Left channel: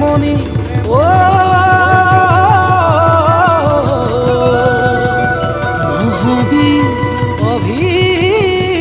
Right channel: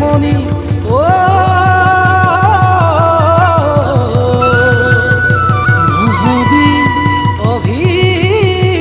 মনি ও নহবি অভিমানী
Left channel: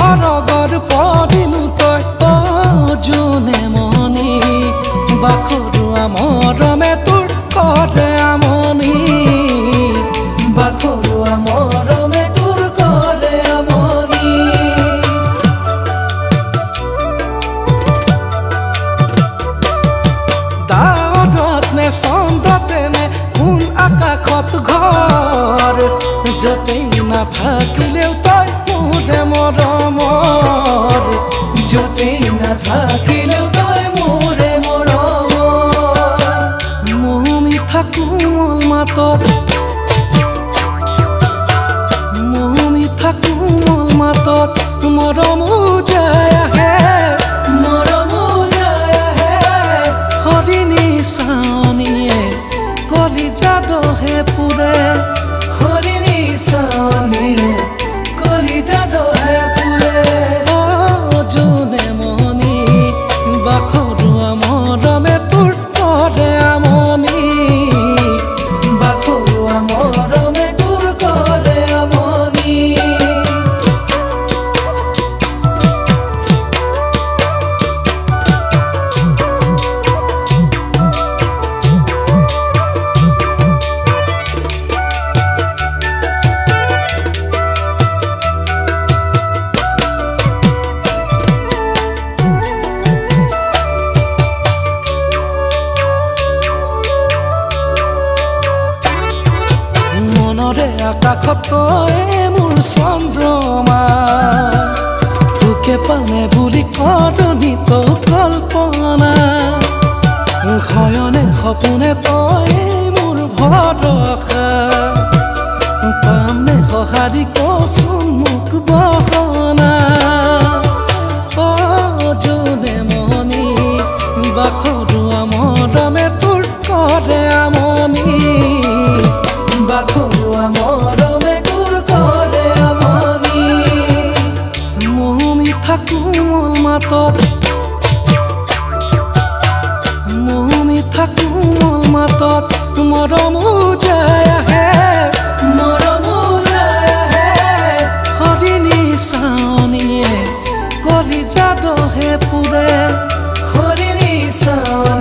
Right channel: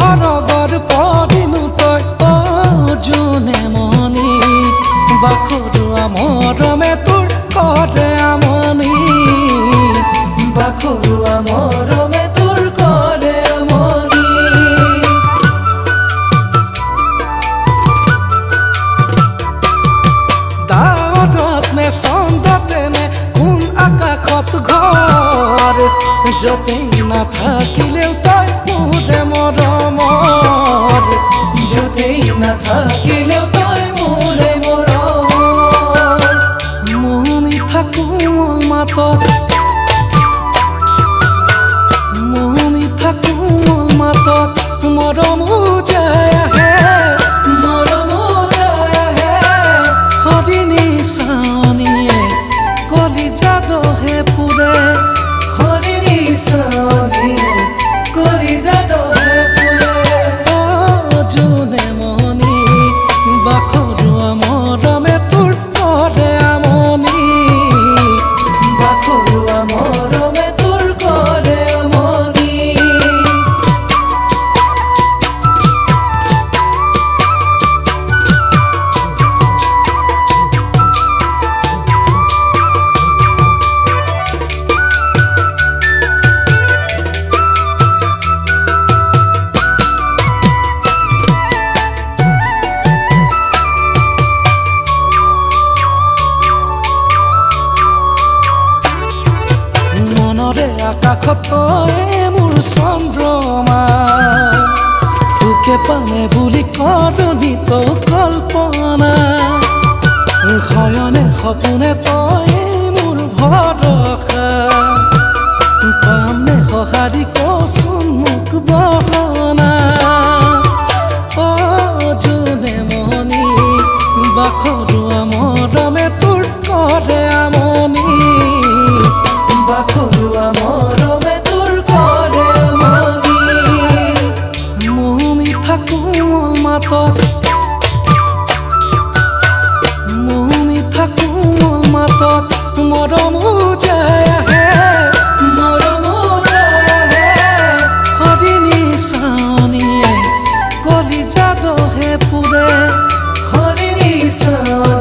হৰগৰ পদিনো তই অজুনে মনি বাখৰুৱা মৰমে তোৰ কৰে আমনি বাখৰুৱা মৰমে তোৰ কৰে আমনি ডাৱৰত নে চন্দতে নে কোন আকাশত ঘৰ যতেই নাথাকিলেও তই মোৰে মৰমৰ যতেই নাথাকিলেও তই মোৰে মৰমৰ মোহ মিঠা কোমল মাতত মোহ মিঠা কোমল মাতত মৰম যায় আহে হৰিণী চাৱনীয়ে কলিজা দহে পুৰে হৰিণী চাৱনীয়ে কলিজা দহে পুৰে অজুনে মনি বাখৰুৱা মৰমে তোৰ কৰে আমনি বাখৰুৱা মৰমে তোৰ কৰে আমনি মনৰে আকাশত তই মোৰ চন্দ্ৰমা তোকে পামে বুলি কৰণী তো কল্পনা শয়নে সপোনে তই মোৰ ভৰসা পাম নে সঁহাৰি কচোন মোক বহনা অজুনে মনি বাখৰুৱা মৰমে তোৰ কৰে আমনি বাখৰুৱা মৰমে তোৰ কৰে আমনি মোহ মিঠা কোমল মাতত মোহ মিঠা কোমল মাতত মৰম যায় আহে হৰিণী চাৱনীয়ে কলিজা দহে পুৰে হৰিণী চাৱনীয়ে